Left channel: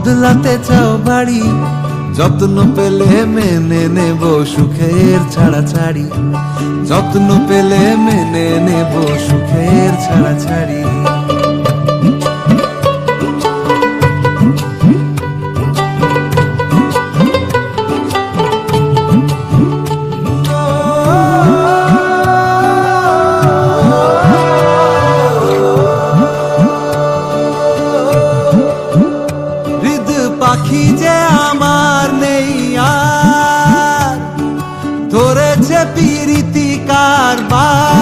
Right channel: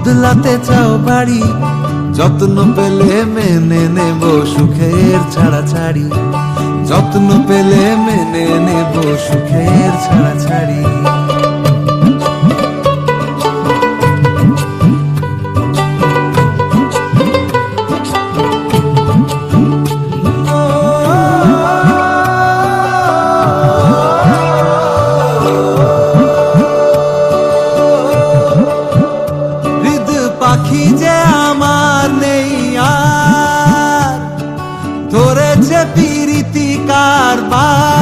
বদলাতে চাও বাড়ি, যত্ন পেলে মেনে নেব সুখের ছাড়াছাড়ি, যত্ন পেলে মেনে নেব সুখের ছাড়াছাড়ি। পাখি যে আমার নেই আর, ধরেছে পিরিতি কারবার।